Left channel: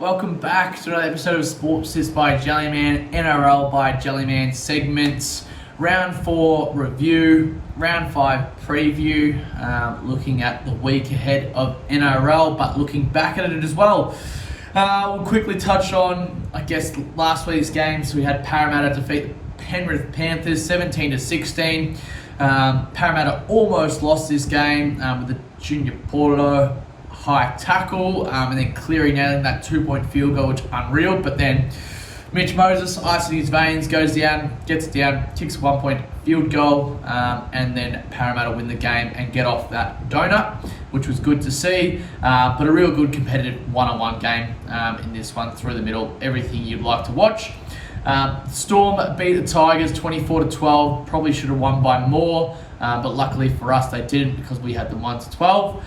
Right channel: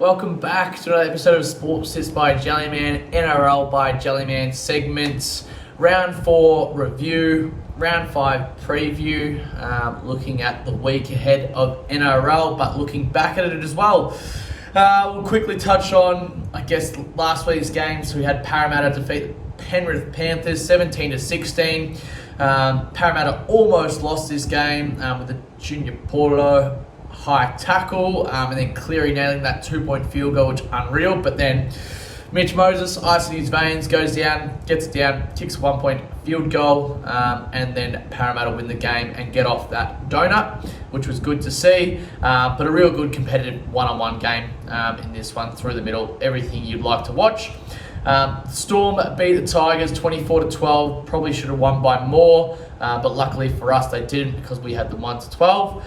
Welcome back to another episode of Sports Sits by Jellyman, NRL by Jellyman segments, Round 4 review, Round 5 preview, looking at the week ahead of NRL, but looking back at it as well. We'll quickly touch on, last week's games. We had Parramatta defeat the Penrith Panthers 17-16. Parramatta almost lost this game with the Junior Porto high tackle, and then Cleary nailing that 2-point field goal, which is unreal. But then Mitch Moses, ice in his veins, goes down, gets it down, kicks a 1-point field goal, and then Parramatta win the game and get off that donut, which was good to see. But a real good competitive one-on-one game in this one, through the middle, everything you'd like to watch. Storm beat the Tigers 24-12, probably should have won by more, but luckily for us they didn't, because we had them 1-12.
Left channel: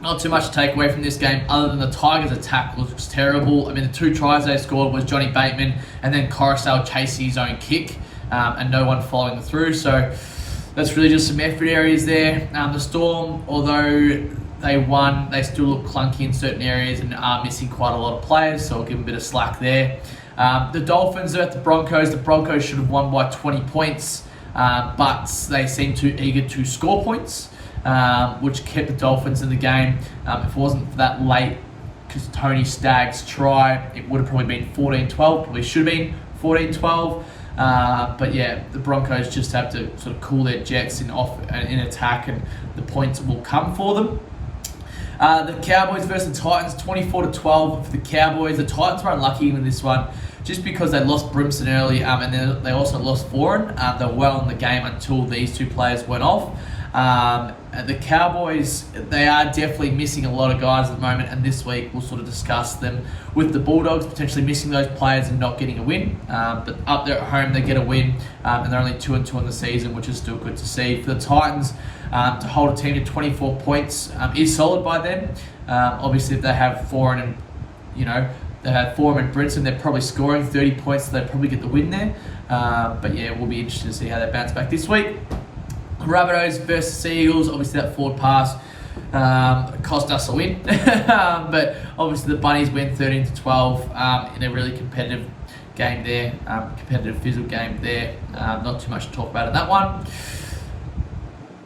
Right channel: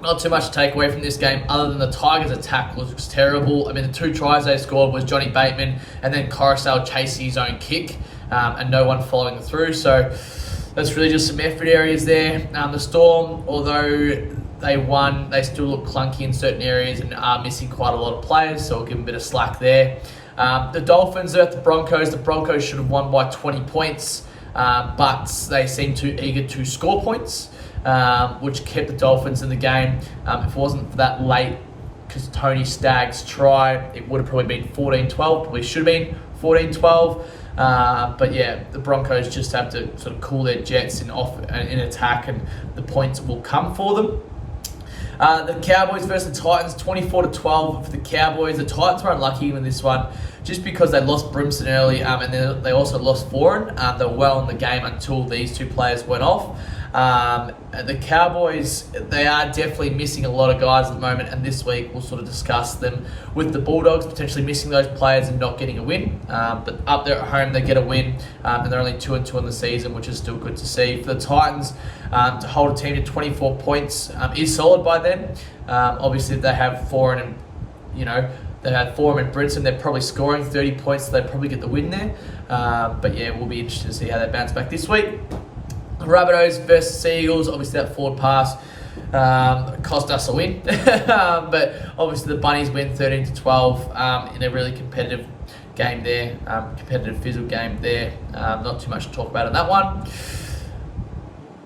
Not too much to take away from this game other than the Tigers' attack was terrible. I mean, the 2 tries they scored was Johnny Bateman and then Coruscant chasing his own kick, and no one following through. So that's really just some effort areas there. The Storm, although they won, they still look clunky in certain areas and are missing quite a lot of players, so I'll give them a bit of slack there. The Dolphins are at the Broncos. The Broncos should have won by 20 points, but they seem too eager to score points, which kept the Dolphins in the game. If it wasn't for that late Tony Stagg's try, it would have probably been 14-12, probably should have been 14-12. But yeah, the Broncos just have to sort of cool their jets in attack, and the points will come for them. The Cowboys versus the Titans, 24-12 for the Cowboys. The Titans were unlucky in this one just because they lost Brimson early, and then they also lost Foran. They were well in the game until these 2 players went off. The Cowboys, they are definitely missing a lot of guys at the moment, and this week we'll sort of discuss them with the Bulldogs potentially missing those players and not getting a win. But up there at home, they get a win, and they're only 2-2 on the season, which is still good to see. For the Titans, to hold a team to 24 points is solid by them. Obviously, if they have Foran and, they had Foran and Brinson, they're probably scoring 30 points, so they probably get the win there. But yeah, we'll be interested to see how they bounce back this week. Rabbitohs versus Seagulls, obviously that forward pass cost us a win. But obviously the Bunnies win 13-12 in a really competitive game there, competitive physical game there. Not too much to talk about in that one.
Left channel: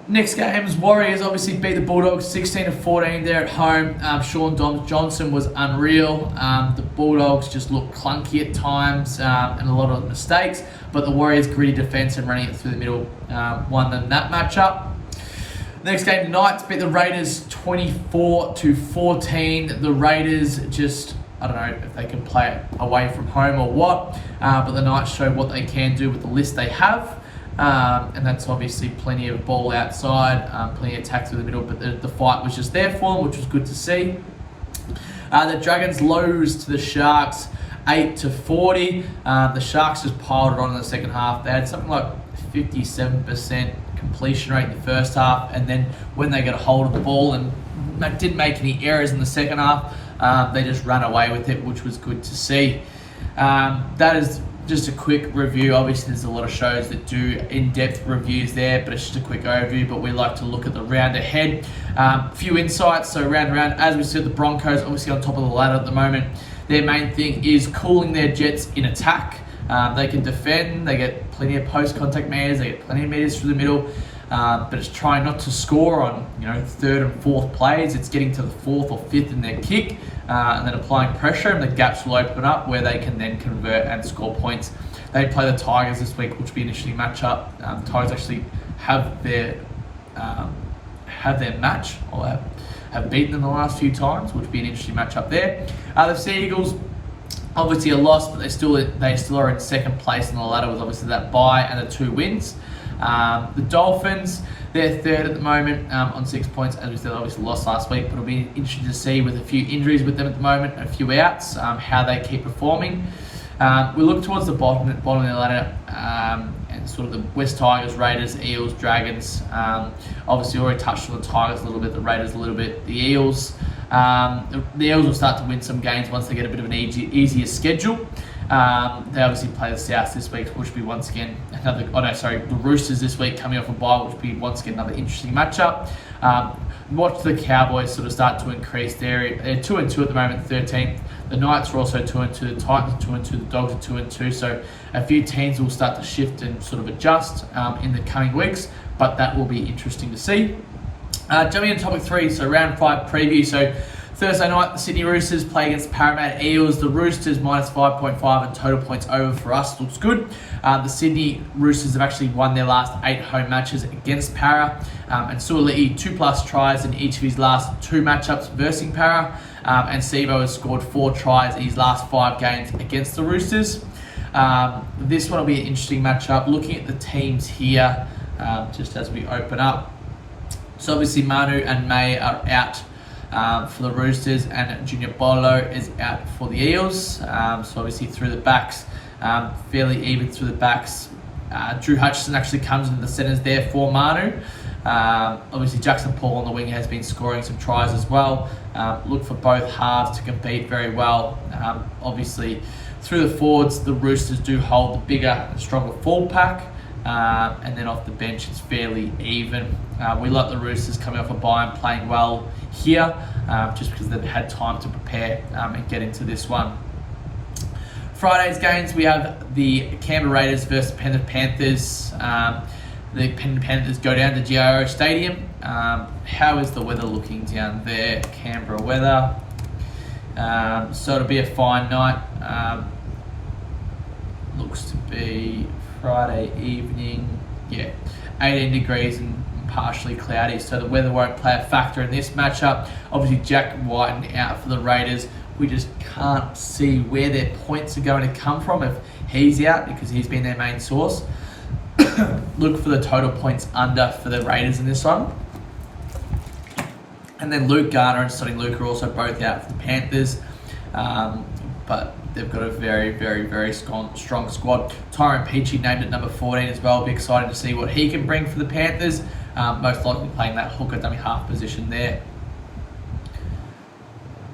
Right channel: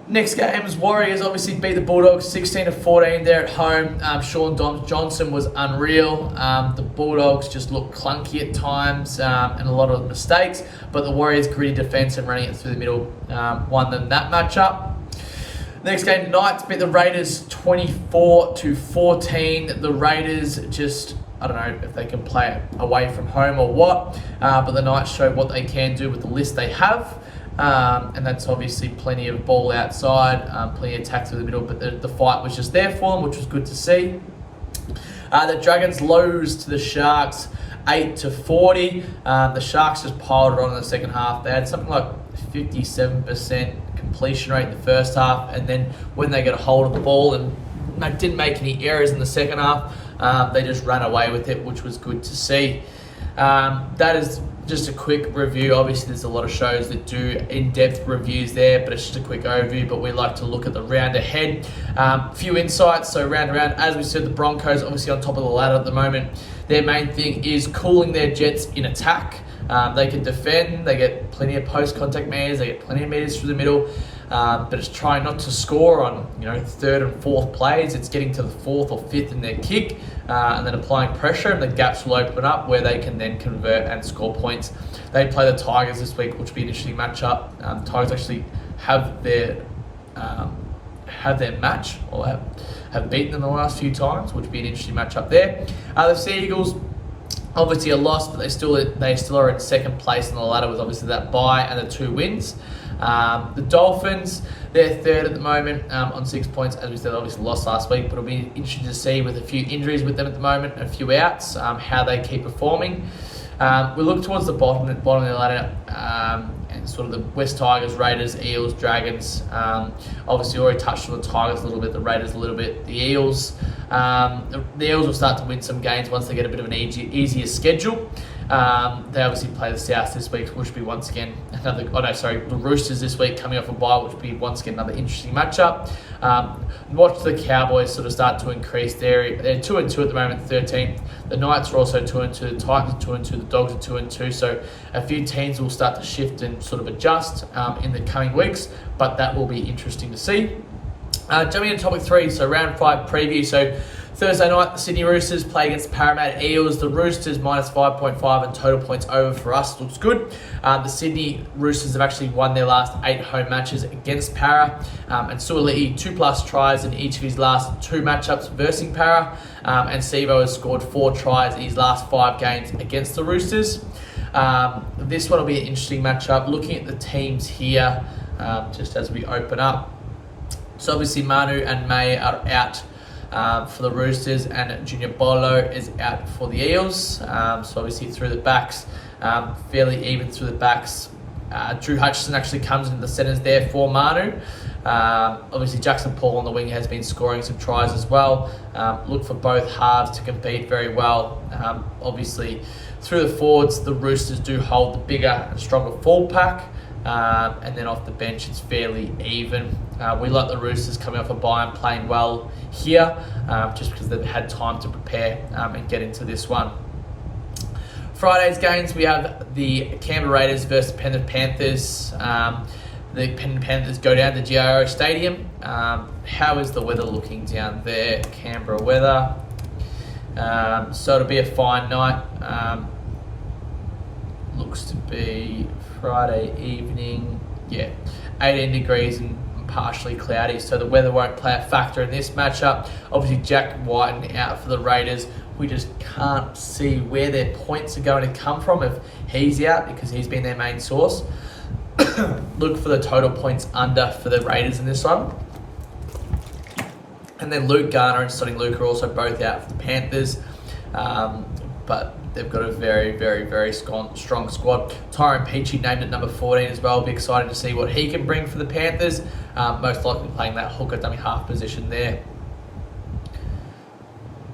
Next games, Warriors obviously beat the Bulldogs 16-14 there at home. Sean Johnson was unreal. The Bulldogs just looked clunky at times and a lot of mistakes, but the Warriors' gritty defence and running it through the middle won them that matchup. Next game, Knights beat the Raiders 24-14. The Raiders just, I don't know if they can play it away from home or what, but the Knights showed what they can do with the list they have. And that's obviously plenty of ball outside, plenty of attack through the middle, but the fight was just there for them, which was good to see. The Dragons lose to the Sharks 8-40. The Sharks just piled it on in the second half. They had something like 57% completion rate in the first half, and then when they got a hold of the ball and they didn't make any errors in the second half, they just ran away with it, which was good to see. That is just a quick review. Obviously, there's a lot of shows that do in-depth reviews there, but it's just a quick overview. But we like to look at the round ahead. A few insights. So round, as we said, the Broncos obviously on top of the ladder at the moment. Their main thing is cooling their jets in attack. They can defend. They get plenty of post-contact meters. They get plenty of meters through the middle. But it's trying not to score on 3rd and 4th plays. It's getting to the 4th or 5th in their kick, and then applying pressure, and the gaps will open up where they can then convert and score points. They play the Tigers this week, which will be an interesting matchup. The Tigers actually have their match, or have beaten them the last few times, which will be an interesting matchup there. The Sea Eagles, obviously a loss, but they still are in second place on the ladder with obviously that bye and the 2 wins. The Dolphins, they're 3rd at the moment on 6 points. As we said, obviously lost last week, but it'll be interesting to see with a few injuries with them at the moment, a few outs, how they keep performing. We look towards the bottom of the ladder, and sort of the West Tigers, Raiders, Eels, Dragons. Obviously already touched on the Tigers a little bit, the Raiders a little bit, the Eels. The Eels will start to win some games once they get a bit of an easier schedule. They obviously play the South this week, which will be once again the Roosters this week coming off a bye, which will be once again another interesting matchup. Watch the Cowboys sort of start to increase there. They're 2-2 at the moment, 13th. The Knights are also 2-2. The Titans are 2-2. The Dogs are 2-2. So a few teams will start to shift and sort of adjust in the coming weeks, but that will be interesting to see. Jumping into topic 3, so round 5 preview. So Thursday night, the Sydney Roosters play against the Parramatta Eels. The Roosters minus 5.5 and total points over for us. Looks good. The Sydney Roosters have actually won their last 8 home matches against Para. And Suoli'i 2+ tries in each of his last 2 matchups versus Para. And Sivo has scored 4 tries in his last 5 games against the Roosters. This one will be an interesting matchup. Looking at the teams here, just as we open up. So obviously Manu and May are out for the Roosters, and Junior Bolo is out for the Eels. So obviously through the backs, fairly even through the backs. Drew Hutchison actually comes into the centres there for Manu. Obviously Jackson Paul on the wing has been scoring some tries as well. Look for both halves to compete very well. Obviously through the forwards, the Roosters do hold the bigger and stronger forward pack. And then off the bench, it's fairly even. We like the Roosters coming off a bye and playing well here, just because they've had time to prepare and get into this one. Friday's games, we have the Canberra Raiders versus the Penrith Panthers. The Penrith Panthers go down to GIO Stadium. How is the weather looking down there? Canberra weather. So it'll be a fine night. Looks to be Friday evening, 18 degrees and partially cloudy, so the weather won't play a factor in this matchup. Obviously Jack Whiten out for the Raiders. We just can't see where their points are going to come from if he's out, because he's been their main source. Look for the total points under for the Raiders in this one. And then Luke Garner and Sonny Luke are also both out for the Panthers. But they've got a very, very, very strong squad. Tyrone Peachey named at number 14 as well. Be excited to see what he can bring for the Panthers. Most likely playing that hooker dummy half position there.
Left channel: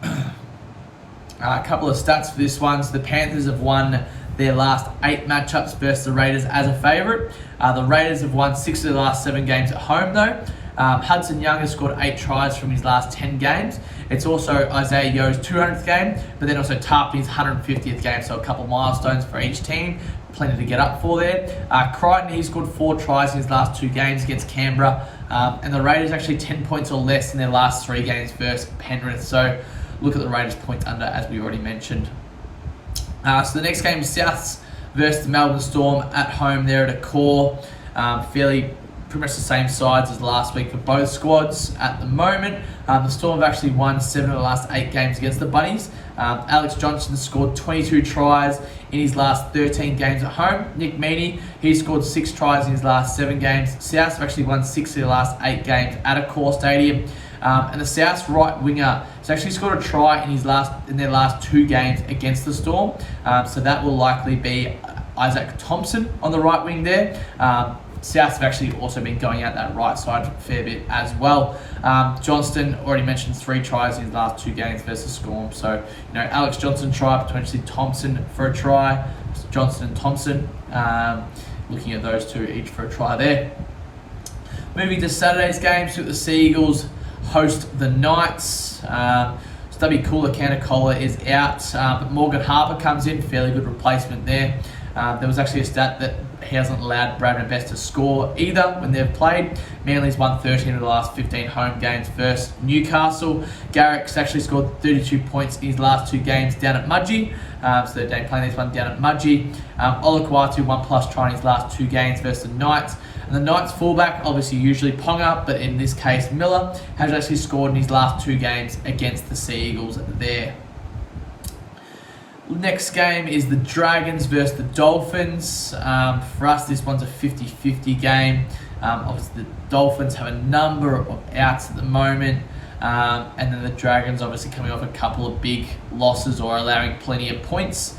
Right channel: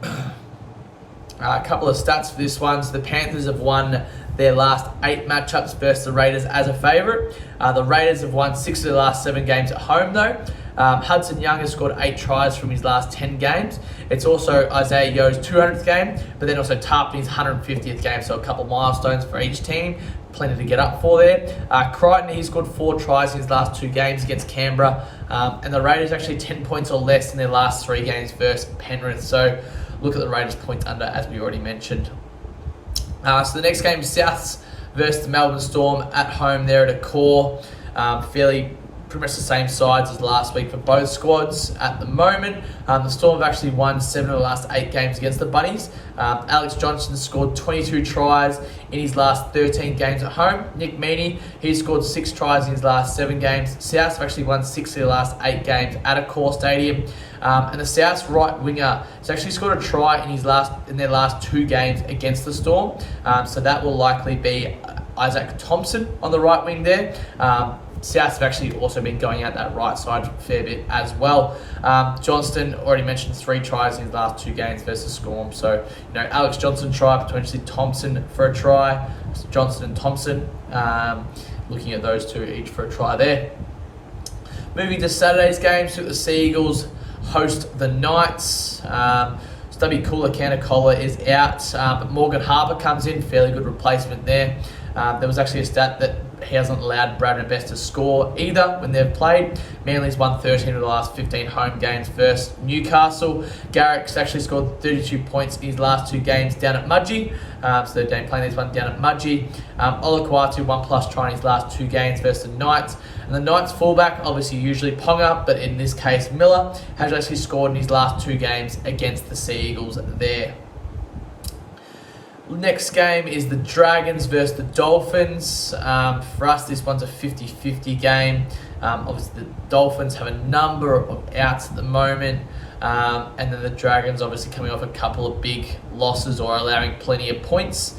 A couple of stats for this one. So the Panthers have won their last 8 matchups versus the Raiders as a favourite. The Raiders have won 6 of their last 7 games at home though. Hudson Young has scored 8 tries from his last 10 games. It's also Isaiah Yo's 200th game, but then also Tarpany's 150th game, so a couple milestones for each team. Plenty to get up for there. Crichton, he's scored 4 tries in his last 2 games against Canberra. And the Raiders actually 10 points or less in their last 3 games versus Penrith. So look at the Raiders points under, as we already mentioned. So the next game is Souths versus the Melbourne Storm at home there at a core. Pretty much the same sides as last week for both squads at the moment. The Storm have actually won 7 of the last 8 games against the Bunnies. Alex Johnson scored 22 tries in his last 13 games at home. Nick Meaney, he scored 6 tries in his last 7 games. Souths have actually won 6 of the last 8 games at a core stadium. And the Souths right winger has actually scored a try in their last 2 games against the Storm. So that will likely be Isaac Thompson on the right wing there. Souths have actually also been going out that right side a fair bit as well. Johnston, already mentioned 3 tries in his last 2 games versus Storm. So, Alex Johnson try, potentially Thompson for a try. Johnston and Thompson, looking at those 2 each for a try there. Moving to Saturday's games, the Sea Eagles host the Knights. Stubby Cooler is out, but Morgan Harper comes in, fairly good replacement there. There was actually a stat that he hasn't allowed Brad Best to score either when they've played. Manly's won 13 of the last 15 home games versus Newcastle. Garrick's actually scored 32 points in his last 2 games down at Mudgee. So they're playing this one down at Mudgee. Olakwatu 1+ try in his last 2 games versus the Knights. And the Knights fullback, obviously usually Ponga, but in this case Miller, has actually scored in his last 2 games against the Sea Eagles there. Next game is the Dragons versus the Dolphins. For us, this one's a 50-50 game. Obviously, the Dolphins have a number of outs at the moment. And then the Dragons obviously coming off a couple of big losses or allowing plenty of points.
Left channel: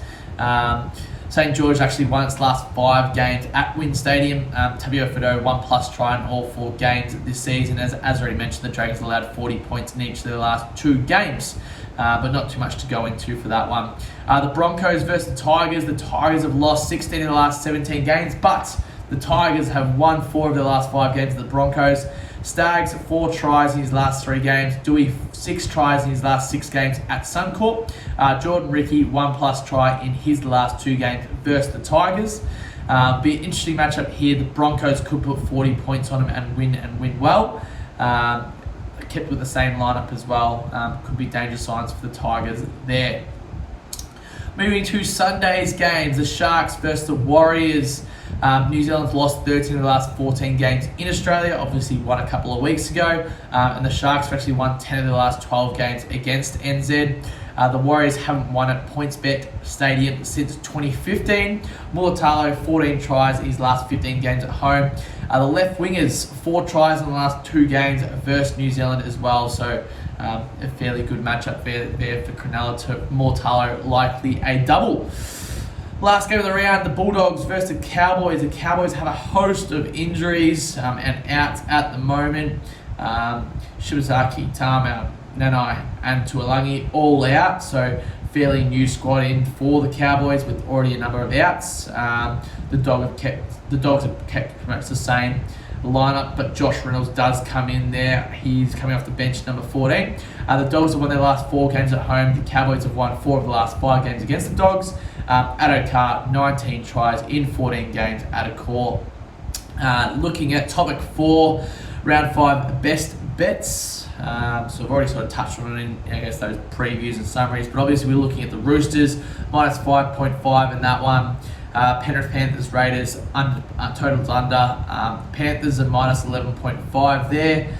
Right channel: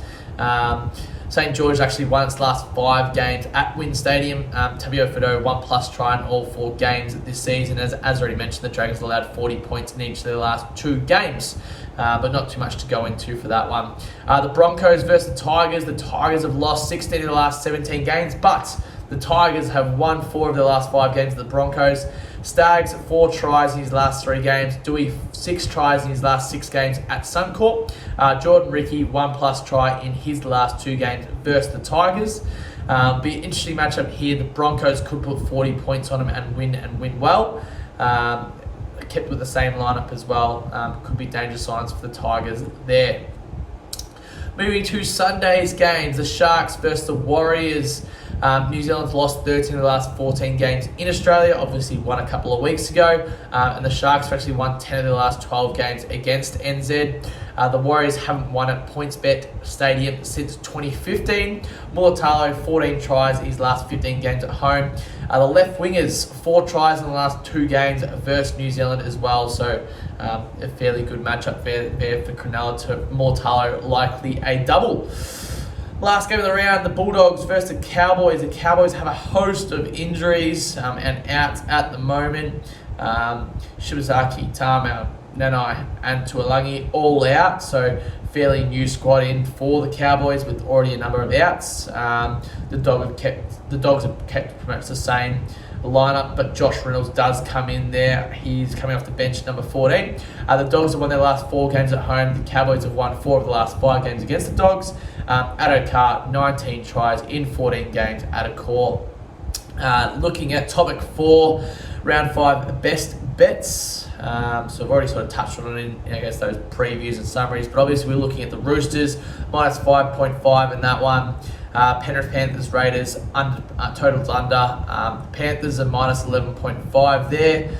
St. George actually won its last 5 games at Wynn Stadium. Tabio Fido 1+ try in all 4 games this season. As already mentioned, the Dragons allowed 40 points in each of their last 2 games. but not too much to go into for that one. The Broncos versus the Tigers. The Tigers have lost 16 of the last 17 games, but the Tigers have won 4 of their last 5 games of the Broncos. Stags, 4 tries in his last 3 games. Dewey, 6 tries in his last 6 games at Suncorp. Jordan Ricky, 1+ try in his last 2 games versus the Tigers. Be an interesting matchup here. The Broncos could put 40 points on them and win well. Kept with the same lineup as well. Could be danger signs for the Tigers there. Moving to Sunday's games, the Sharks versus the Warriors. New Zealand's lost 13 of the last 14 games in Australia, obviously won a couple of weeks ago, and the Sharks have actually won 10 of the last 12 games against NZ. The Warriors haven't won at PointsBet Stadium since 2015. Mulatalo, 14 tries in his last 15 games at home. The left wingers, 4 tries in the last 2 games versus New Zealand as well, so a fairly good matchup there for Cronulla to Mulatalo, likely a double. Last game of the round, the Bulldogs versus the Cowboys. The Cowboys have a host of injuries and outs at the moment. Shibazaki, Tamau, Nanai and Tuolangi all out, so fairly new squad in for the Cowboys with already a number of outs. The Dogs have kept pretty much the same lineup, but Josh Reynolds does come in there. He's coming off the bench, number 14. The Dogs have won their last 4 games at home. The Cowboys have won 4 of the last 5 games against the Dogs. Addo-Carr, 19 tries in 14 games at a core. Looking at topic 4, round 5 best bets. So I've already sort of touched on it in, I guess, those previews and summaries, but obviously we're looking at the Roosters, minus 5.5 in that one. Penrith Panthers Raiders, totals under. Panthers are minus 11.5 there.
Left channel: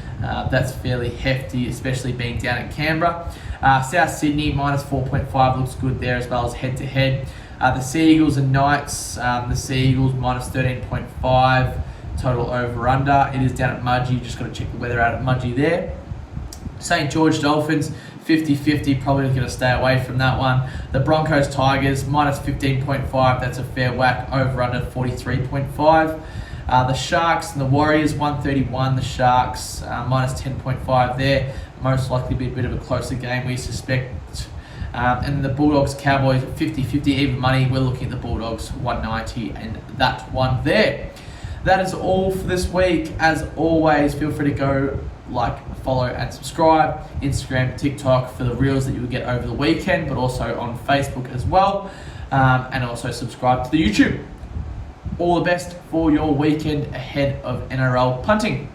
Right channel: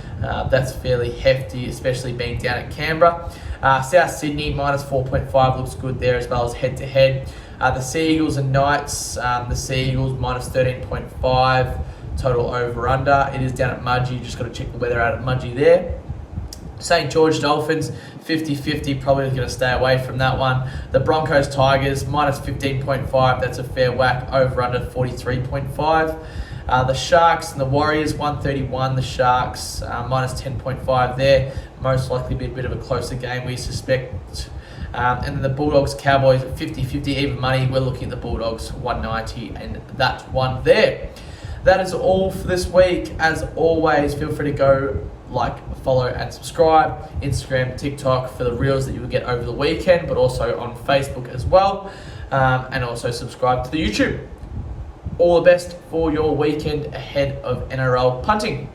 That's fairly hefty, especially being down at Canberra. South Sydney, minus 4.5, looks good there as well as head-to-head. The Sea Eagles and Knights, the Sea Eagles, minus 13.5, total over-under. It is down at Mudgee, just got to check the weather out at Mudgee there. St. George Dolphins, 50-50, probably going to stay away from that one. The Broncos Tigers, minus 15.5, that's a fair whack, over-under 43.5. The Sharks and the Warriors, 131, the Sharks, minus 10.5 there. Most likely be a bit of a closer game, we suspect. And then the Bulldogs Cowboys, 50-50, even money. We're looking at the Bulldogs, 190, and that one there. That is all for this week. As always, feel free to go like, follow and subscribe. Instagram, TikTok for the reels that you will get over the weekend, but also on Facebook as well. And also subscribe to the YouTube. All the best for your weekend ahead of NRL punting.